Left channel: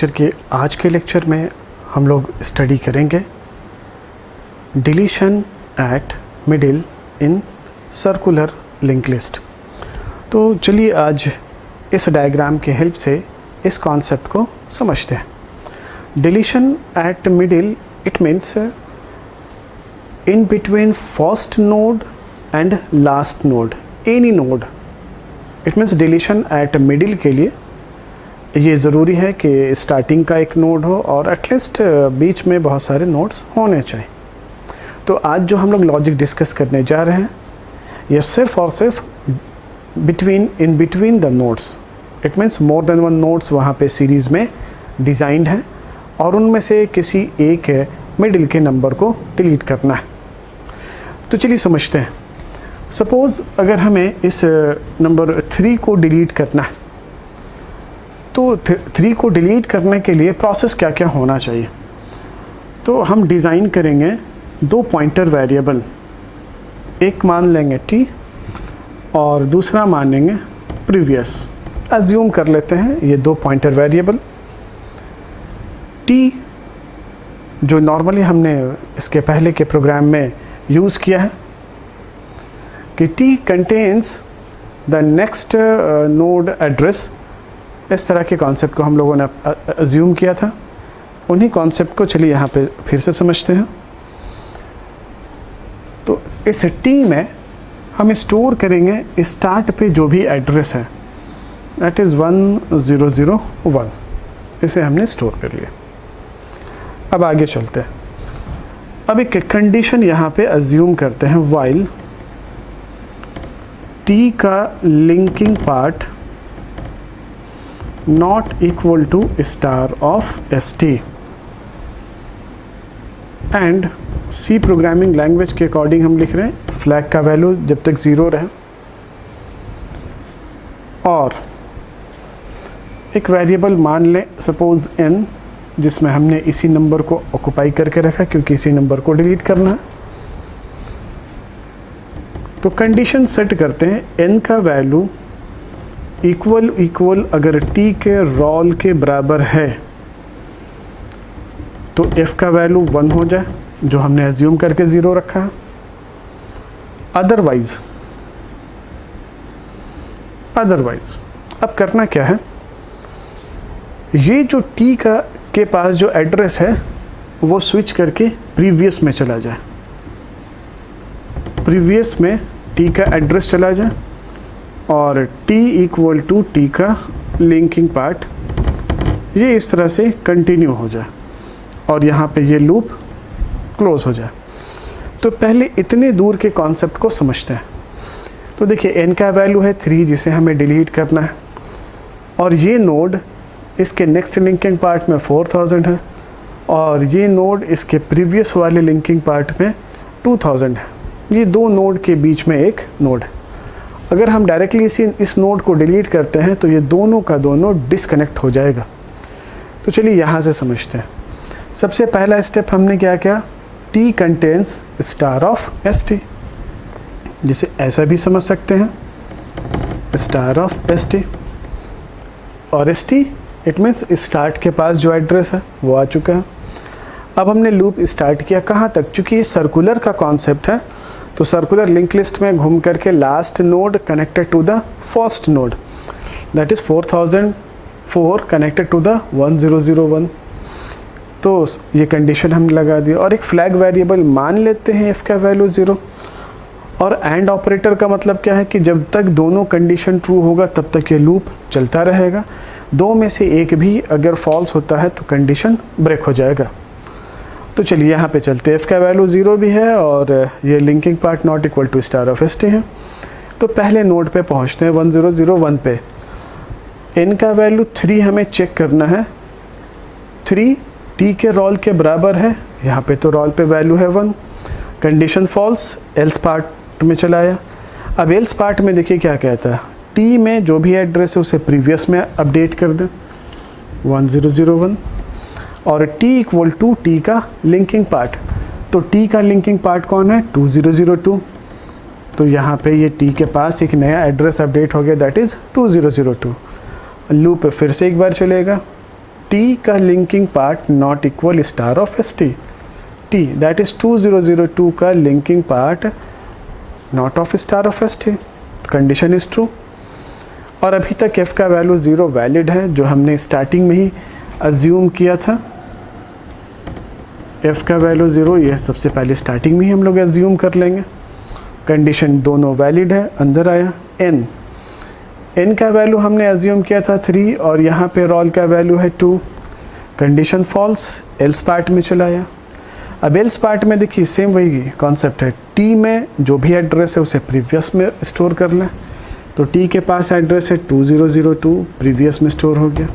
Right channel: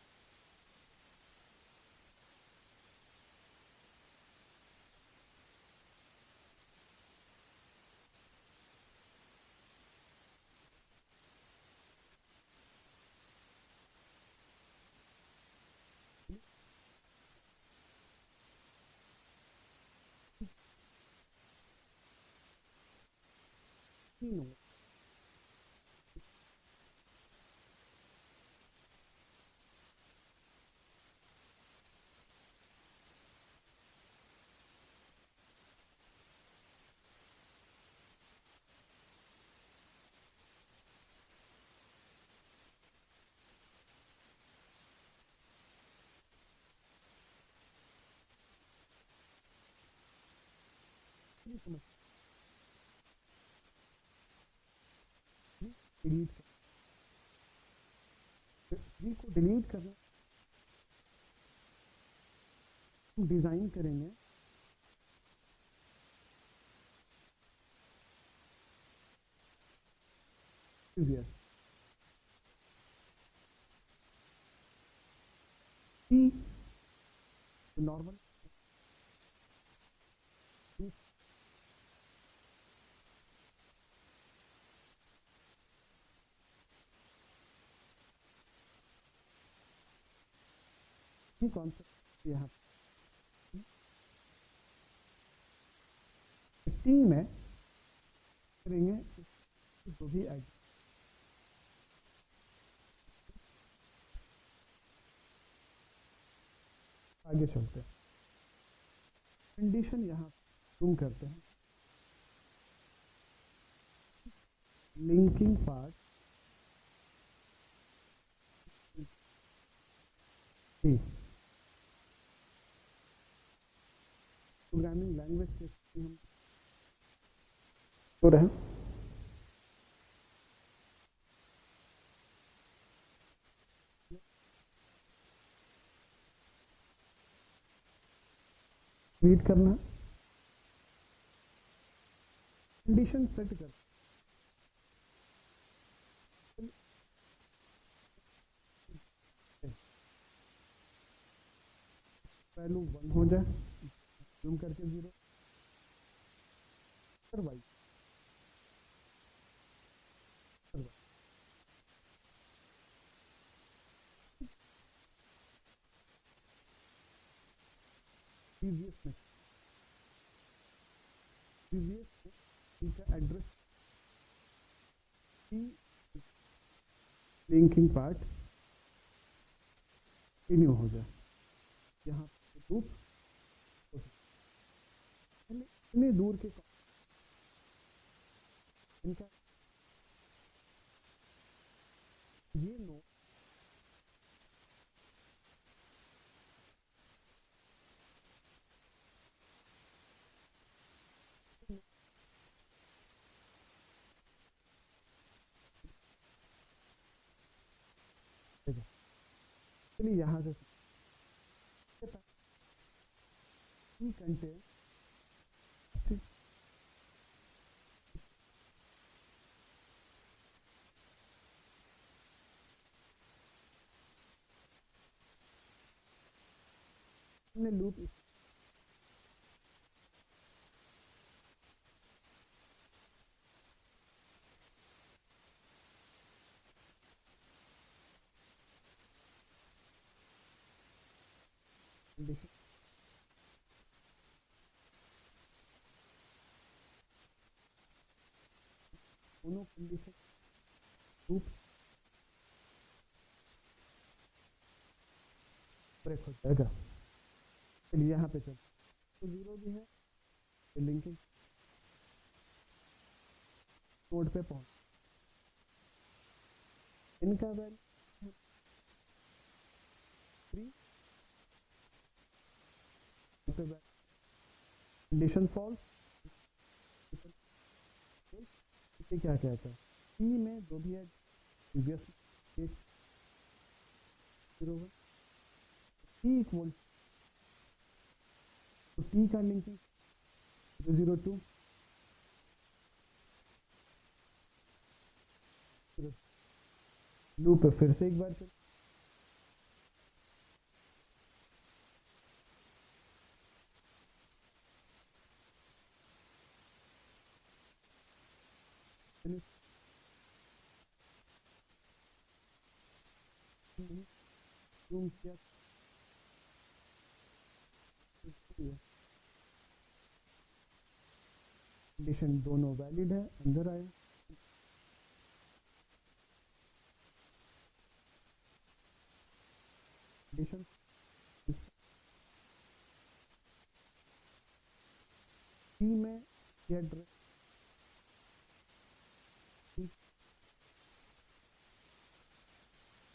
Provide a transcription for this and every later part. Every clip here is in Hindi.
लेक्चर के आज के लेक्चर में हम लोग स्टडी करेंगे deletion eight middle in circular link list. तो चलिए आज इस डायग्राम के हेल्प से इस कॉन्सेप्ट को समझते हैं। Deletion eight middle it means in between first node and last node, any node. It means deletion eight middle के लिए ये ज़रूरी है कि स्टार्टिंग का एक नोड हो और एटलीस्ट बीच में बहुत सारे नोड्स होने चाहिए। तो आज जो हम लोग लॉजिक डिस्कस करने जा रहे हैं ये सिर्फ और सिर्फ in between the nodes. It means more than one nodes वहाँ पे सीरीज़ में डिज़ाइंड हैं और उनमें से किसी एक मिडिल के नंबर को डिलीट करना है। तो चलिए समझते हैं। सपोज़ अगर हमें इस नंबर 3 को डिलीट करना है तो 3 को डिलीट करने के लिए प्रोसेस क्या क्या होना चाहिए। तो हम डिज़ाइन करेंगे दो पॉइंटर वेरिएबल, एक मान लेंगे t और दूसरा मान लेंगे प्रीवियस। अज्यूम कर लेते हैं ये दो पॉइंटर वेरिएबल t जो नॉर्मली हमने इसके पहले के प्रोग्राम में यूज़ किया है कि t contains the next node address. इस तरह के कॉन्सेप्ट को हम लोगों ने अज्यूम किया था। उन्हीं कॉन्सेप्ट को चलिए यहाँ पे फिर से समझते हैं। तो इस टी में हम स्टोर करेंगे स्टार्ट पे जो भी एड्रेस है, दैट इज़ 1001। इसे हमने स्टोर कर लिया। अब आगे चलते हैं। अब एक कंडीशन यहाँ पे अज्यूम करते हैं, वाइल टी का linking part not equal to star of st and C programming language के अकॉर्डिंग हम लिख रहे हैं फ्लैग का वैल्यू जब तक 0 रहे और एक वेरिएबल मान लें सपोज n, जिसमें हमने इसी नंबर को ऑक्युपाई करके रखा क्योंकि इसी नंबर को डिलीट करना है। तो कंडीशन सेट करते हैं n का वैल्यू इक्वल अगर t के रोल के बराबर है तो f का वैल्यू 1 हो जाए जो हमने एज्यूम करके 0 रखा है। अदरवाइज अब करना क्या है, ये जो t के पास जो एड्रेस है वो स्विच करके प्रीवियस में चला जाए, प्रीवियस में t का एड्रेस चला जाए और t इक्वल टू टी का लिंकिंग पार्ट ये इस तरह से कंटिन्यू हो जाए और यहाँ पे ये लूप क्लोज हो जाए। तो पहले इतने दूर के कॉन्सेप्ट को समझते हैं। तो देखिए n का वैल्यू है 3 जिसे हमें डिलीट करना है और ये नोड इसके नेक्स्ट लिंकिंग पार्ट में 4000 है और ये नोड इसके प्रीवियस वाले लिंकिंग पार्ट में 2000 है। ये दो नोड के बीच में एक नोड है। अगर हम डायरेक्टली इस नोड को डिलीट करते हैं तो ये दोनों का दोनों डिस्कनेक्ट हो जाएगा। तो चलिए यहाँ से समझते हैं। सबसे पहला स्टेप हमने क्या किया, t contains star of st, जिसे ऐसा भी समझ सकते हैं स्टार ऑफ st और st इट मीन्स स्टार्ट के पास जो एड्रेस है वो आ चुका है। अब हमने लूप स्टार्ट किया कहाँ तक, चूँकि ये सर्कुलर का कॉन्सेप्ट है तो सर्कुलर लिंक लिस्ट में घूम करके last node connected to the first node, that is 4004 connected to the 1001। तो ये कंडीशन हम लगा दी और एक फ्लैग वेरिएबल मान लेते हैं f का वैल्यू 0। और एंड ऑपरेटर का मतलब क्या है कि जब तक दोनों कंडीशन ट्रू होगा तब तक ये लूप चलता रहेगा। दो में से एक भी अगर फॉल्स होता है तो कंडीशन ब्रेक हो जाएगा। तो चलिए यहाँ पे चलते हैं, f का वैल्यू 0 भी है और ये linking part not equal to star of st है। तो पहले नोड पे पहुँचते हैं 1001 पे। n का वैल्यू 3 हमें चेक करना है, 3 t के रोल के बराबर है, यहाँ पे तो रोल पे वैल्यू है 1, कंडीशन फॉल्स, एल्स पार्ट में चलाया। अब एल्स पार्ट में देखिए क्या कहता है, t में जो भी एड्रेस है उसे प्रीवियस में अपडेट कर दें 1001 और t इक्वल टू टी का लिंकिंग पार्ट। तो t का लिंकिंग पार्ट कौन है, 2002। तो यहाँ पे ये t के पास एक नया एड्रेस अपडेट हो गया, दैट इज़ 2002। लूप फिर से एक बार चलेगा टी का linking part not equal star of S T, T that is 2002 का linking part not of star of S T, condition is true. और अभी तक f का वैल्यू 0 वैलिड है, जो हमने स्टार्टिंग में ही अज्यूम किया था। f का वैल्यू 0, यह सबसे पहले स्टार्टिंग में ही हम लोग अज्यूम कर लेंगे। कंडीशन दोनों वैलिड है, अंदर आया। n का वैल्यू हमने अज्यूम किया था 3 और यहाँ पे रोल का वैल्यू है 2, कंडीशन फॉल्स, एल्स पार्ट में चला आया। अब एल्स पार्ट में देखिए सेम वही कॉन्सेप्ट है, t में जो भी एड्रेस है उसे प्रीवियस में स्टोर कर लें। तो t के पास एड्रेस है 2002, प्रीवियस में स्टोर हो गया।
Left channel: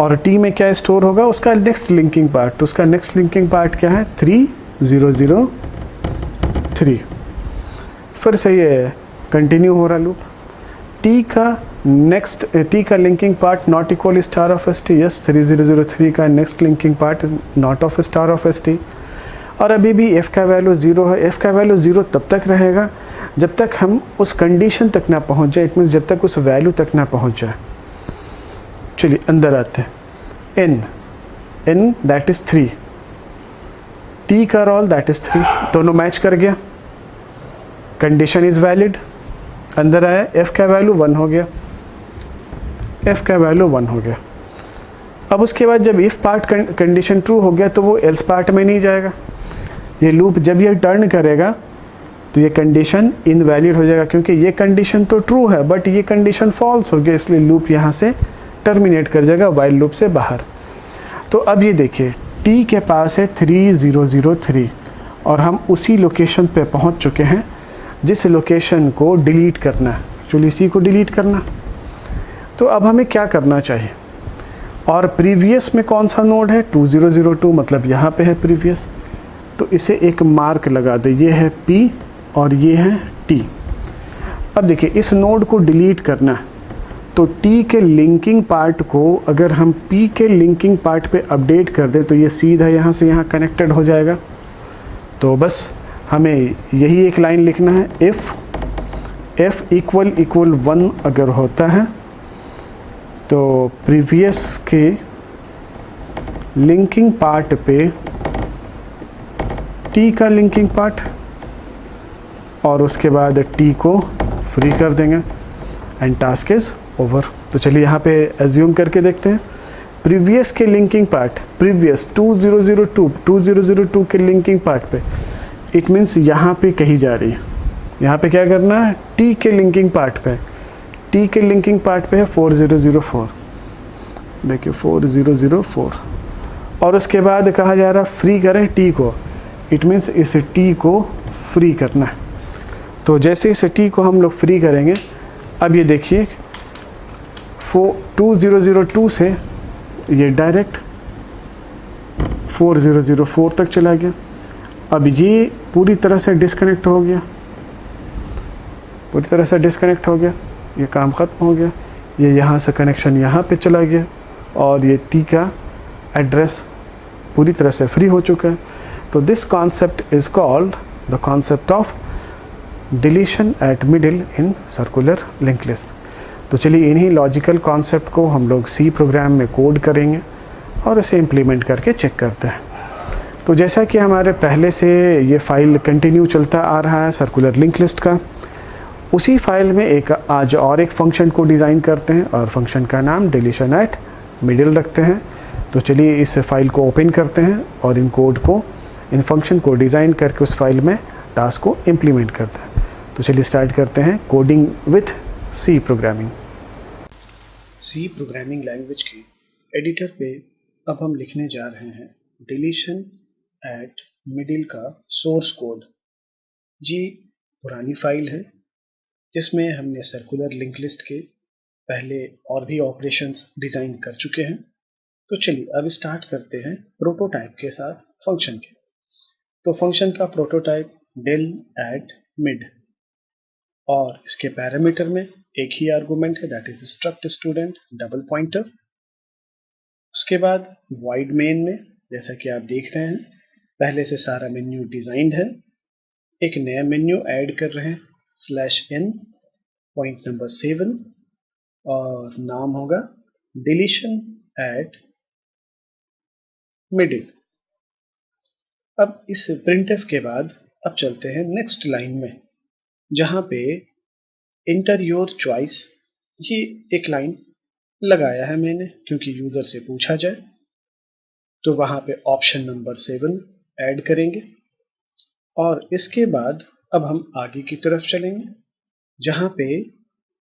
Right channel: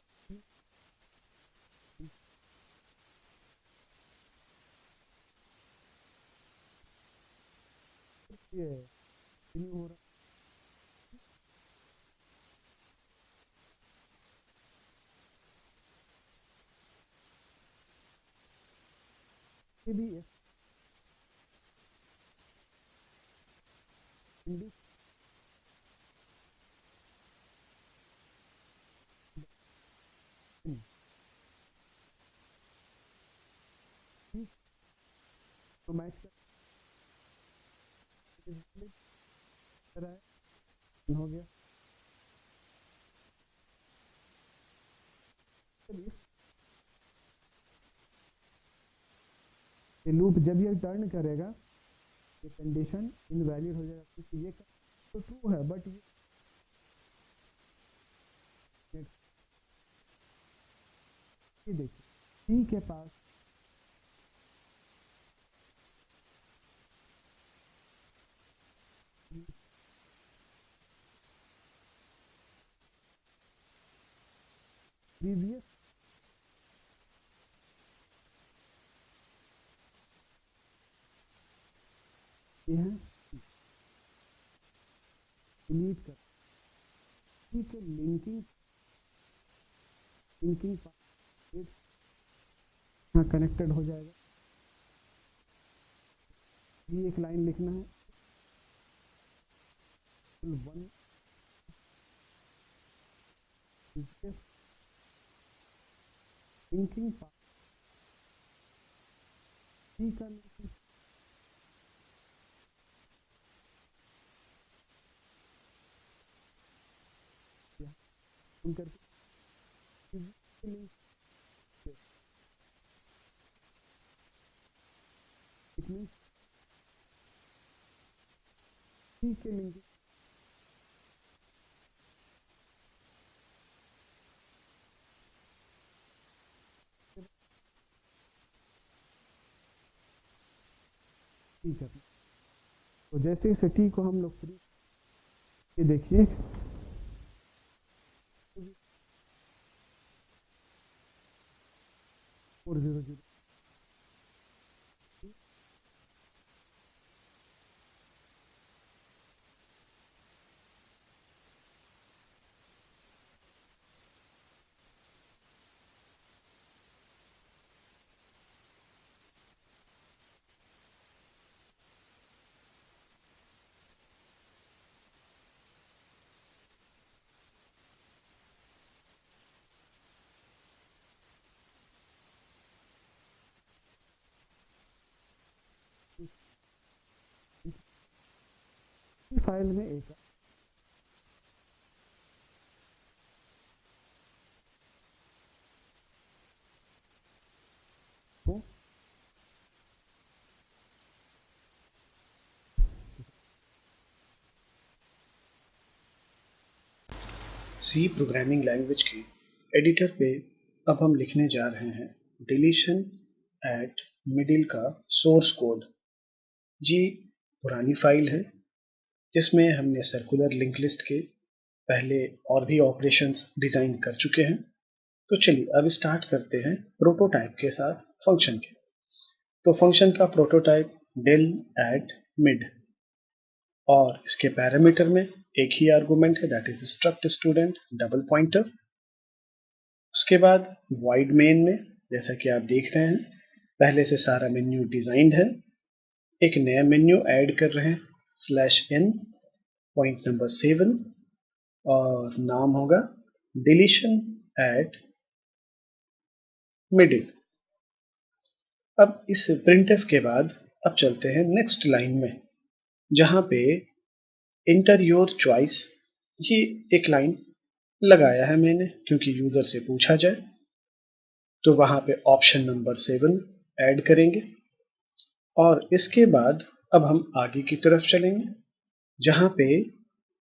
और t में क्या स्टोर होगा, उसका नेक्स्ट लिंकिंग पार्ट, तो उसका नेक्स्ट लिंकिंग पार्ट क्या है 3003। फिर से ये कंटिन्यू हो रहा लूप। t का linking part not equal star of S T, yes 3003 का next linking part not of star of S T. और अभी भी f का वैल्यू 0 है। f का वैल्यू 0 तब तक रहेगा जब तक हम उस कंडीशन तक ना पहुंच जाए, इट मीन्स जब तक उस वैल्यू तक ना पहुंच जाए। चलिए अंदर आते हैं। n दैट इज 3, t का रोल दैट इज 3, दोनों मैच कर गया, कंडीशन इज वैलिड, अंदर आया। f का वैल्यू 1 हो गया, f का वैल्यू 1 हो गया। अब उसके बाद जब if पार्ट कंडीशन ट्रू हो गया तो वो else पार्ट में नहीं जाएगा। ये लूप जब ये टर्न करेगा तो ये कंडीशन इनवैलिड हो जाएगा, क्योंकि ये कंडीशन तो ट्रू है बट ये कंडीशन फॉल्स हो गया, इसलिए लूप यहाँ से टर्मिनेट कर जाएगा वाइल लूप से बाहर। तो अब ये देखिए t के पास है 3003 और हम उसी लोकेशन पे पहुँच चुके हैं जिस लोकेशन को डिलीट करना है, एक्चुअली इसी को डिलीट करना। तो अब हमें क्या करना चाहिए, और प्रीवियस में कौन सा नोड है 2002, मतलब यहाँ पे है प्रीवियस, तो इसे एक मार्क लगा दे, ये है P और ये है T। अब देखिए इस नोड को डिलीट करना है तो T के लिंकिंग पार्ट को अगर हम P के लिंकिंग पार्ट पे अपडेट कर दें तो ये सीधा यहाँ से यहाँ कनेक्टेड हो जाएगा। तो बस हमें यही एक लाइन लिखना है, इफ़ f इक्वल 1 अगर होता है तो प्रीवियस के लिंकिंग पार्ट पे t का लिंकिंग पार्ट और उसके बाद t को फ्री कर देंगे एंड टास्क इज ओवर। तो चलिए यहाँ पे एज्यूम करके देखते हैं। प्रीवियस के लिंकिंग पार्ट, प्रीवियस 2002 के लिंकिंग पार्ट पे, इट मीन्स यहाँ पे कहीं जा रही है। यहाँ पे क्या करना है, t के लिंकिंग पार्ट पे, t के लिंकिंग पार्ट पे है 4004, देखिए 4004, और उसके बाद कहा जा रहा फ्री करें t को, इट मीन्स इस t को फ्री करना है। तो जैसे इस t को हम लोग फ्री करेंगे, अब ये देखिए 2002 से ये डायरेक्ट 4004 तक चला गया। अब ये पूरी तरह से डिस्कनेक्ट हो गया, पूरी तरह से डिस्कनेक्ट हो गया, ये काम ख़त्म हो गया। ये यहाँ से कनेक्शन यहाँ पे चला गया और ये t का एड्रेस पूरी तरह से फ्री हो चुका है। तो this concept is called the concept of deletion eight middle in circular link list. तो चलिए इन्हीं लॉजिकल कॉन्सेप्ट को हम लोग C प्रोग्राम में कोड करेंगे और इसे इम्प्लीमेंट करके चेक करते हैं। तो जैसा कि हमारे पहले से ये फाइल कंटिन्यू चलता आ रहा है सर्कुलर लिंक लिस्ट का, उसी फाइल में एक आज और एक फंक्शन को डिज़ाइन करते हैं और फंक्शन का नाम डिलीशन एट मिडिल रखते हैं। तो चलिए इस फाइल को ओपन करते हैं और इन कोड को, इन फंक्शन को डिज़ाइन करके उस फाइल में टास्क को इम्प्लीमेंट करते हैं। तो चलिए स्टार्ट करते हैं coding with C programming. C programming language के एडिटर पे अब हम लिखने जा रहे हैं डिलीशन एट मिडिल का सोर्स कोड। जी पुरानी फाइल है जिसमें हमने सर्कुलर लिंक लिस्ट के पहले और भी ऑपरेशंस डिज़ाइन कर चुके हैं। तो चलिए अब स्टार्ट करते हैं प्रोटोटाइप के साथ फंक्शन के। तो फंक्शन का प्रोटोटाइप del at mid और इसके पैरामीटर में एक ही आर्गुमेंट है, that is struct student double pointer. उसके बाद void main में जैसा कि आप देख रहे हैं पहले से सारा मेन्यू डिजाइंड है, एक नया मेन्यू ऐड कर रहे हैं /n पॉइंट नंबर 7 और नाम होगा डिलीशन एट मिडिल। अब इस printf के बाद अब चलते हैं नेक्स्ट लाइन में, जहां पे इंटर योर चॉइस, ये एक लाइन लगाया है मैंने क्योंकि यूजर से पूछा जाए, तो वहां पे ऑप्शन नंबर 7 ऐड करेंगे। और इसके बाद अब हम आगे की तरफ चलेंगे, जहां पे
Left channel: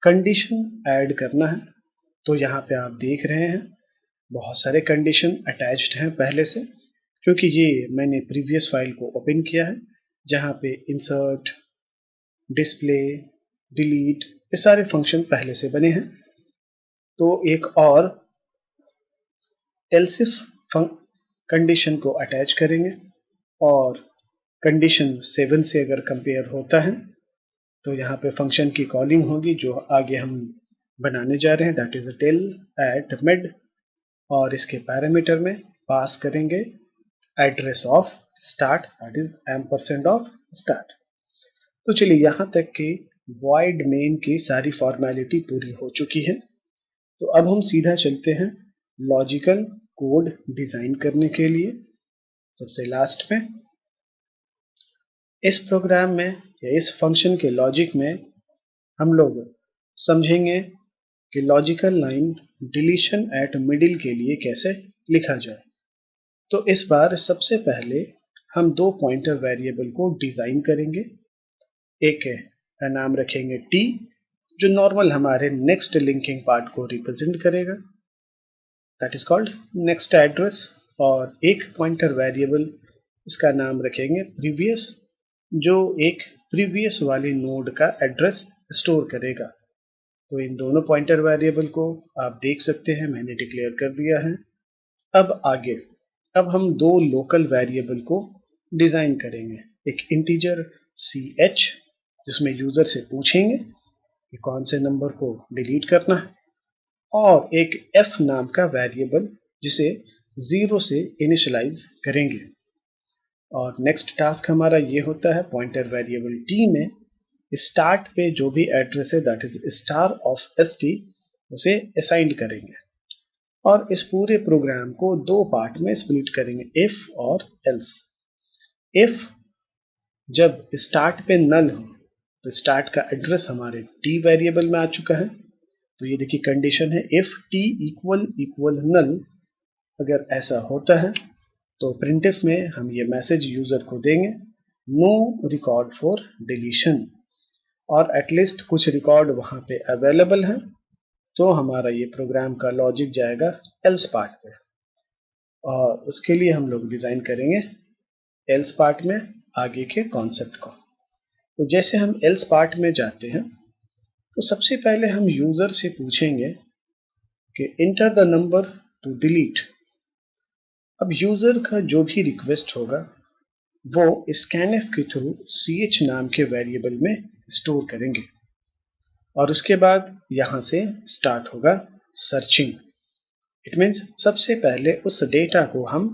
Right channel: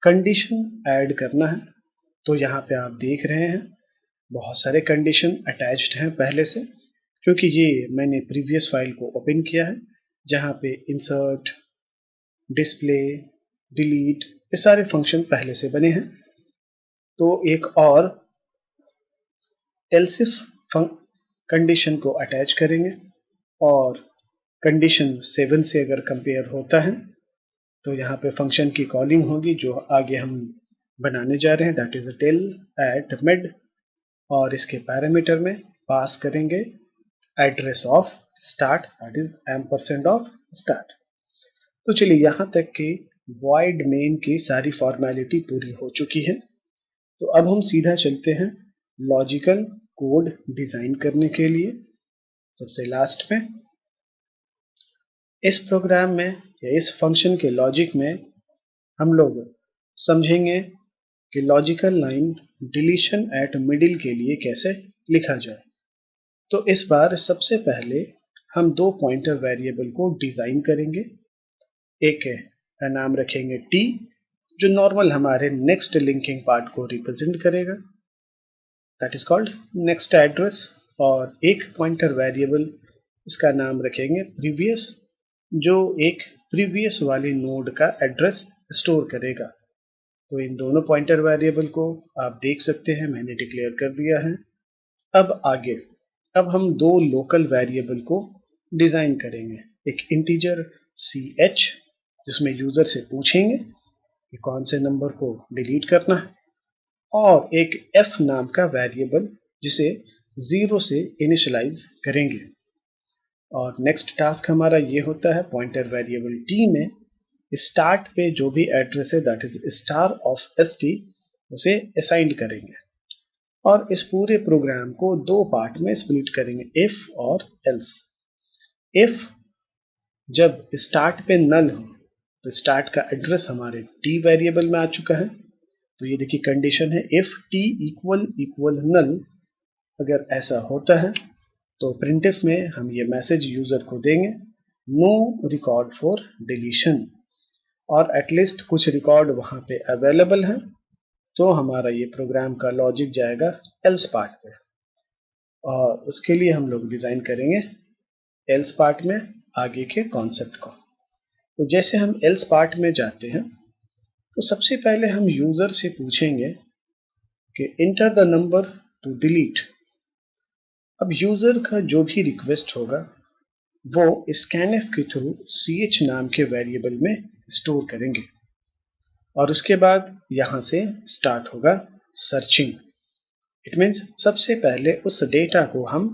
कंडीशन ऐड करना है। तो यहाँ पे आप देख रहे हैं बहुत सारे कंडीशन अटैच्ड हैं पहले से, क्योंकि ये मैंने प्रीवियस फाइल को ओपन किया है, जहाँ पे इंसर्ट, डिस्प्ले, डिलीट, ये सारे फंक्शन पहले से बने हैं। तो एक और एल्स इफ कंडीशन को अटैच करेंगे, और कंडीशन 7 से अगर कंपेयर होता है तो यहाँ पे फंक्शन की कॉलिंग होगी जो आगे हम बनाने जा रहे हैं, that is tail at mid, और इसके पैरामीटर में पास करेंगे address of start, that is ampersand of start. तो चलिए यहाँ तक कि void main की सारी फॉर्मेलिटी पूरी हो चुकी है। तो अब हम सीधा चलते हैं लॉजिकल कोड डिजाइन करने के लिए। सबसे लास्ट में इस प्रोग्राम में या इस फंक्शन के लॉजिक में हम लोग समझेंगे कि logical line deletion eight middle के लिए कैसे लिखा जाए। तो इस बार सबसे पहले हम दो पॉइंटर वेरिएबल को डिजाइन करेंगे। एक का नाम रखेंगे t, जो नॉर्मल हमारे नेक्स्ट लिंकिंग पार्ट को रिप्रेजेंट करेगा, that is called next address. और एक पॉइंटर वेरिएबल, इसका नाम रखेंगे प्रीवियस, जो एक प्रीवियस वाले नोड का एड्रेस स्टोर करेगा। तो इन दोनों पॉइंटर वेरिएबल को आप देख सकते हैं मैंने डिक्लेयर कर दिया है। अब आगे अब हम दो लोकल वेरिएबल को डिजाइन करेंगे, एक इंटीजर ch जिसमें यूजर से पूछेंगे कि कौन से नंबर को डिलीट करना है, और एक f नाम का वेरिएबल जिसे 0 से इनिशियलाइज करेंगे। और नेक्स्ट टास्क हमारा ये होता है पॉइंटर वेरिएबल t में स्टार्ट पे जो भी एड्रेस है, that is star of st, उसे असाइन करेंगे। और इस पूरे प्रोग्राम को दो पार्ट में स्प्लिट करेंगे, इफ और एल्स। इफ जब स्टार्ट पे नल हो तो स्टार्ट का एड्रेस हमारे t वेरिएबल में आ चुका है। तो ये देखिए कंडीशन है, इफ t इक्वल इक्वल नल। अगर ऐसा होता है तो प्रिंटफ में हम ये मैसेज यूजर को देंगे, नो रिकॉर्ड फॉर डिलीशन, और एटलीस्ट कुछ रिकॉर्ड वहां पे अवेलेबल है। तो हमारा ये प्रोग्राम का लॉजिक जाएगा एल्स पार्ट पे, और उसके लिए हम लोग डिजाइन करेंगे एल्स पार्ट में आगे के कॉन्सेप्ट को। तो जैसे हम एल्स पार्ट में जाते हैं तो सबसे पहले हम यूजर से पूछेंगे कि enter the number two delete. अब यूजर का जो भी रिक्वेस्ट होगा वो स्कैनफ के थ्रू ch नाम के वेरिएबल में स्टोर करेंगे, और उसके बाद यहां से स्टार्ट होगा सर्चिंग। इट मीन्स सबसे पहले उस डेटा को हम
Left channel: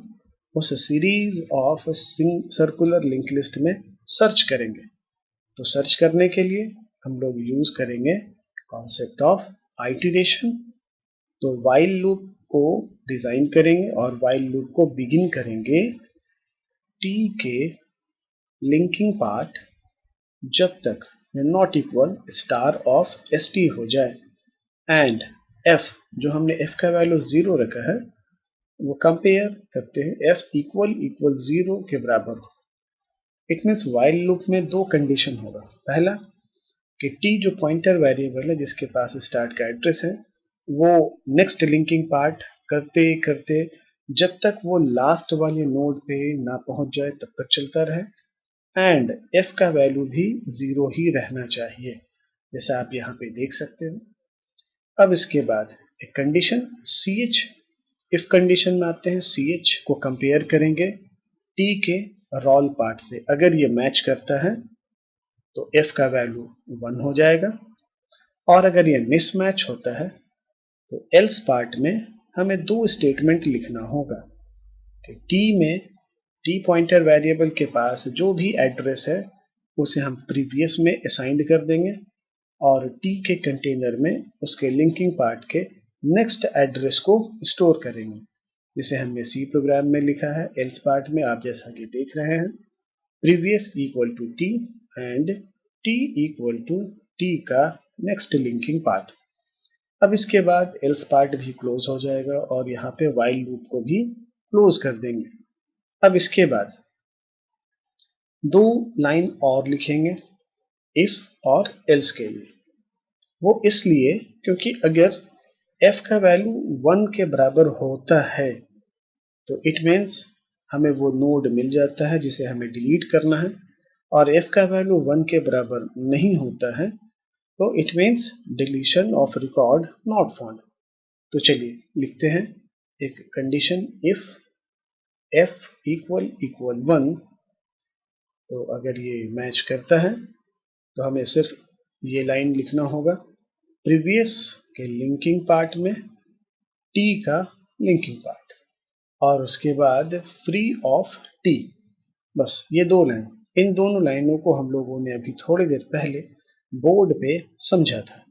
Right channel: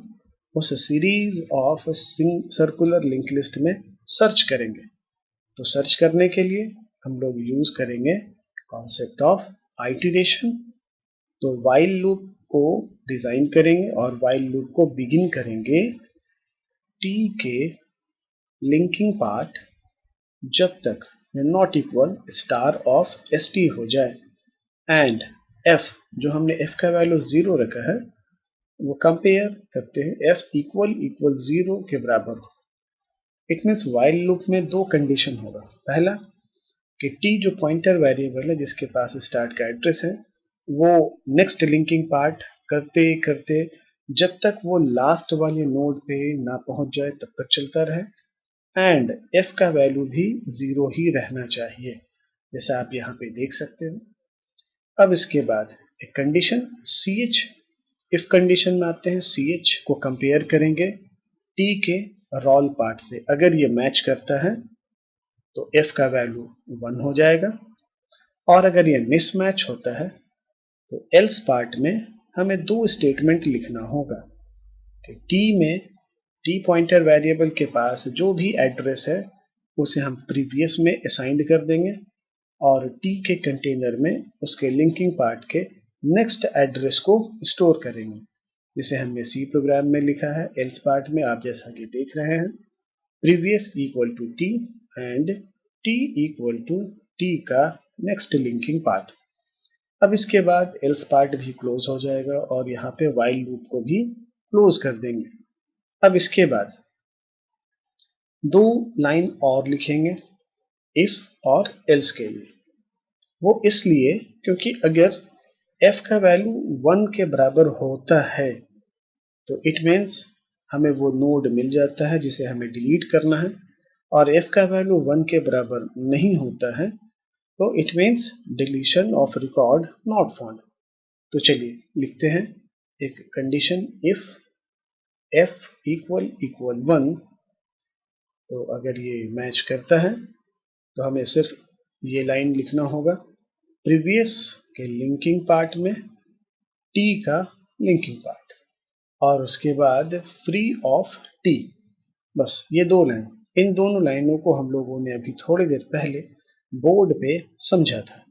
उस series of circular link list में सर्च करेंगे। तो सर्च करने के लिए हम लोग यूज करेंगे कॉन्सेप्ट ऑफ आइटरेशन। तो वाइल लूप को डिजाइन करेंगे और वाइल लूप को बिगिन करेंगे t के लिंकिंग पार्ट जब तक not equal star of st हो जाए, एंड f जो हमने f का वैल्यू 0 रखा है वो कंपेयर करते हैं f इक्वल इक्वल 0 के बराबर हो। इट मीन्स वाइल लूप में दो कंडीशन होगा, पहला कि t जो पॉइंटर वेरिएबल है जिसके पास स्टार्ट का एड्रेस है वो नेक्स्ट लिंकिंग पार्ट करते करते जब तक वो लास्ट वाले नोड पे ना पहुंच जाए तब तक चलता रहे, एंड f का वैल्यू भी 0 ही रहना चाहिए, जैसा आप यहाँ पे देख सकते हो। अब इसके बाद एक कंडीशन ch, इफ कंडीशन में आते हैं, ch को कंपेयर करेंगे t के रोल पार्ट से। अगर ये मैच करता है तो f का वैल्यू 1 हो जाएगा, और अगर ये मिसमैच होता है तो एल्स पार्ट में हमें दो स्टेटमेंट लिखना होगा कि t में t पॉइंटर वेरिएबल के पास जो भी एड्रेस है उसे हम प्रीवियस में असाइंड कर देंगे, और t के कंटेनर में उसके लिंकिंग पार्ट के नेक्स्ट एड्रेस को स्टोर करेंगे। जिसे हमने सी प्रोग्राम में लिखा है। एल्स पार्ट में आप जैसा कि देख रहे हैं, previous equal to T and T equal to T का नेक्स्ट लिंकिंग पार्ट। अब इसके बाद एल्स पार्ट भी क्लोज हो जाएगा और यहाँ पे व्हाइल लूप को भी क्लोज कर देंगे। अब इसके बाद दो लाइन और लिखेंगे इफ और एल्स के लिए। वो इसलिए क्योंकि अगर f का वैल्यू 1 के बराबर होता है तो इट मीन्स हमें वो नोड मिल जाता है जिसे हमें डिलीट करना है, और f का वैल्यू 1 के बराबर नहीं होता है तो it means deletion of record not found. तो चलिए लिखते हैं एक कंडीशन, इफ f इक्वल 1, तो अगर ये मैच करता है तो हमें सिर्फ ये लाइन लिखना होगा, प्रीवियस के लिंकिंग पार्ट में t का लिंकिंग पार्ट, और उसके बाद फ्री ऑफ t। बस ये दो लाइन, इन दोनों लाइनों को हम लोगों ने अभी थोड़ी देर पहले बोर्ड पे समझा था।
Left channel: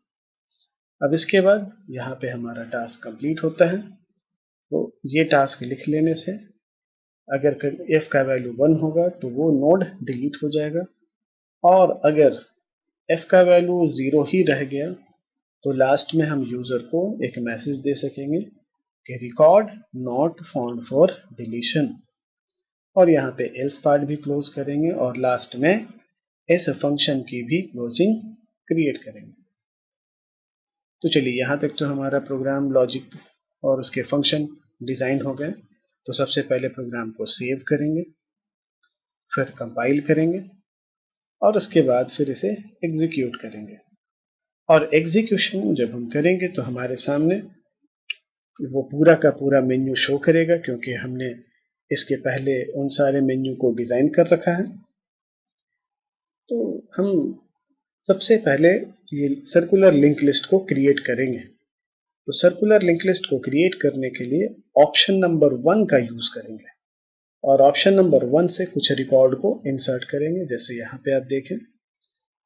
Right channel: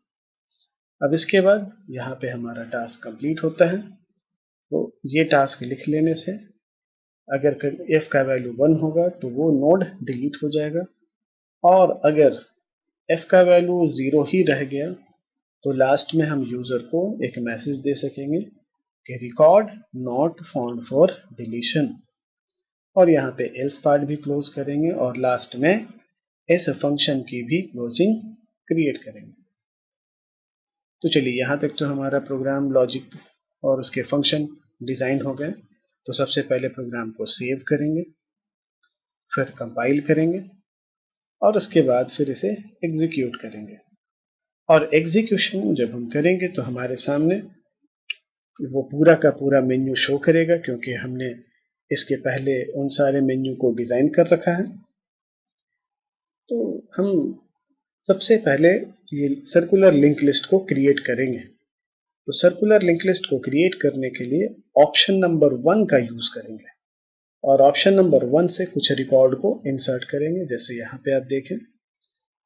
अब इसके बाद यहाँ पे हमारा टास्क कंप्लीट होता है। तो ये टास्क लिख लेने से अगर f का वैल्यू 1 होगा तो वो नोड डिलीट हो जाएगा, और अगर f का वैल्यू 0 ही रह गया तो लास्ट में हम यूजर को एक मैसेज दे सकेंगे कि record not found for deletion, और यहाँ पे एल्स पार्ट भी क्लोज करेंगे और लास्ट में इस फंक्शन की भी क्लोजिंग क्रिएट करेंगे। तो चलिए यहाँ तक तो हमारा प्रोग्राम लॉजिक और उसके फंक्शन डिजाइन हो गए। तो सबसे पहले प्रोग्राम को सेव करेंगे, फिर कंपाइल करेंगे और उसके बाद फिर इसे एग्जीक्यूट करेंगे। और एग्जीक्यूशन जब हम करेंगे तो हमारे सामने वो पूरा का पूरा मेन्यू शो करेगा, क्योंकि हमने इसके पहले उन सारे मेन्यू को डिजाइन कर रखा है। तो हम सबसे पहले ये सर्कुलर लिंक लिस्ट को क्रिएट करेंगे। तो सर्कुलर लिंक लिस्ट को क्रिएट करने के लिए ऑप्शन नंबर 1 का यूज करेंगे, और ऑप्शन नंबर 1 से कुछ रिकॉर्ड को इंसर्ट करेंगे। जैसे यहाँ पे आप देखें,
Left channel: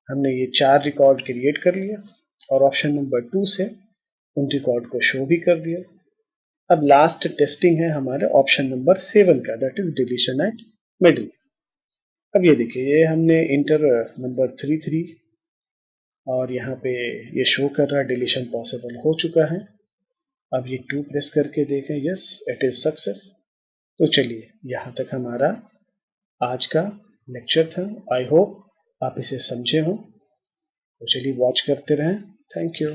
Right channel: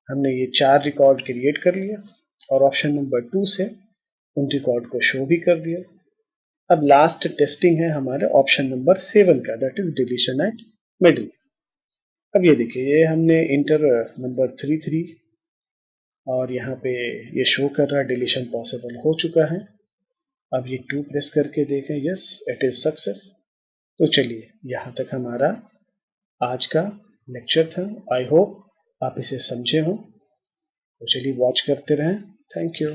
हमने ये 4 रिकॉर्ड क्रिएट कर लिया और ऑप्शन नंबर 2 से उन रिकॉर्ड को शो भी कर दिया। अब लास्ट टेस्टिंग है हमारे ऑप्शन नंबर 7 का, that is deletion eight middle. अब ये देखिए, ये हमने इंटर नंबर 33 और यहाँ पे ये शो कर रहा है डिलीशन पॉसिबल हो चुका है। अब ये 2 प्रेस करके देखें, यस इट इज सक्सेस। तो चलिए यहाँ तक हमारा आज का लेक्चर था। आई होप आप इसे समझे हो। तो चलिए वॉच करते रहें। Thank you.